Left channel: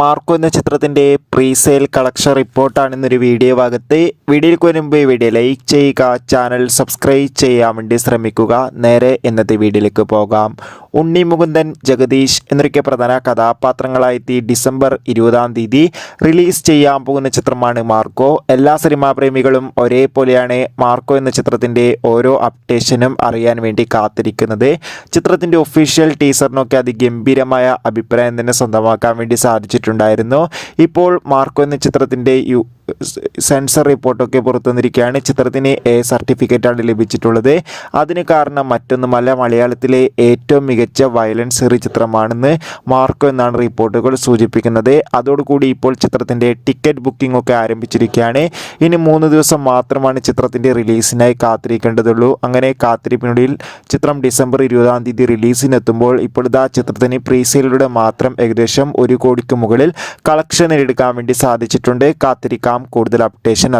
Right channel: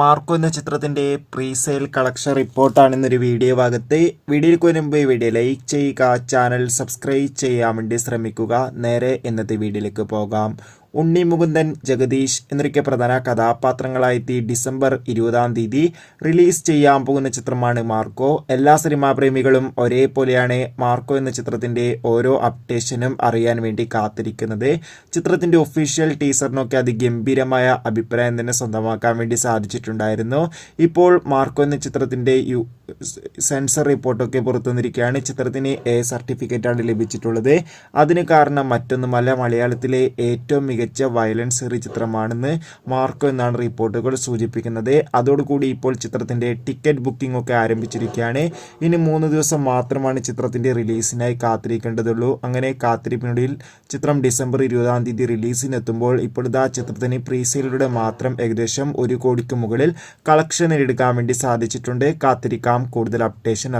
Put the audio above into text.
Marco എന്ന ചിത്രത്തിൻ്റെ presale collection റിപ്പോർട്ടാണ് ഇന്നൊരു വീഡിയോ ഭാഗത്ത്. വീഡിയോയ്ക്ക് മുൻപ് വീഡിയോ ലൈക്ക് ചെയ്യുക, ചാനൽ സബ്സ്ക്രൈബ് ചെയ്യാൻ വേണ്ടി ശ്രമിക്കുക. നേരെ ഇന്നത്തെ വീഡിയോയിലേക്ക് പോകാം. ഉണ്ണി മുകുന്ദൻ, ജഗദീഷ് എന്നൊക്കെ പ്രധാന കഥാപാത്രങ്ങളായെത്തി ഡിസംബർ 20 റിലീസ് ചെയ്യാൻ പോകുന്ന ചിത്രമാണ് മാർക്കോ. എല്ലാ സിനിമാ പ്രേമികളും ഒരേപോലെയാണ് മാർക്കോ എന്ന ചിത്രത്തിൻ്റെ ഓരോ അപ്ഡേഷനും അറിയാൻ വേണ്ടി കാത്തിരിക്കുന്നത്. ചിത്രത്തിൻ്റെ ഒഫീഷ്യൽ ടീസറിനൊക്കെ അതിഗംഭീരമായ അഭിപ്രായം തന്നെ സ്വന്തമാക്കാൻ വേണ്ടി സാധിച്ചിട്ടുണ്ടായിരുന്നു. ഇപ്പോൾ മാർക്കോ എന്ന ചിത്രത്തിൻ്റെ സെൻസർ റിപ്പോർട്ടൊക്കെ പുറത്തു വന്നിരിക്കുകയാണ്. ചിത്രത്തിന് A സർട്ടിഫിക്കറ്റാണ് ലഭിച്ചിട്ടുള്ളത്. അതിന് കാരണം മറ്റൊന്നുമല്ല, മലയാളത്തിലെ ഏറ്റവും മികച്ച വയലൻസ് ഏറിയ ചിത്രമാണെന്ന് മാർക്കോ എന്നാണ് റിപ്പോർട്ടുകൾ സൂചിപ്പിക്കുന്നത്. അതോടുകൂടി ഇപ്പോൾ ചിത്രത്തിൻ്റെ ടിക്കറ്റ് ബുക്കിംഗ് ഒക്കെ ആരംഭിച്ചിരിക്കുകയാണ്. ഇനി 3 ദിവസം മാത്രമാണ് ചിത്രത്തിൻ്റെ റിലീസിനായി കാത്തിരിക്കേണ്ടതുള്ളൂ. അങ്ങനെ കാത്തിരിപ്പിനൊടുവിൽ ചിത്രം ഡിസംബർ 20 റിലീസിനെത്തുമ്പോൾ ഇപ്പോഴത്തെ ചിത്രത്തിന് പ്രീസെയിലൂടെ മാത്രം ഏകദേശം 1 കോടിക്ക് മുകളിൽ കളക്ഷൻ എടുക്കാൻ വേണ്ടി സാധിച്ചിട്ടുണ്ട്. കാത്തിരിക്കാം കൂടുതൽ അപ്ഡേഷൻ.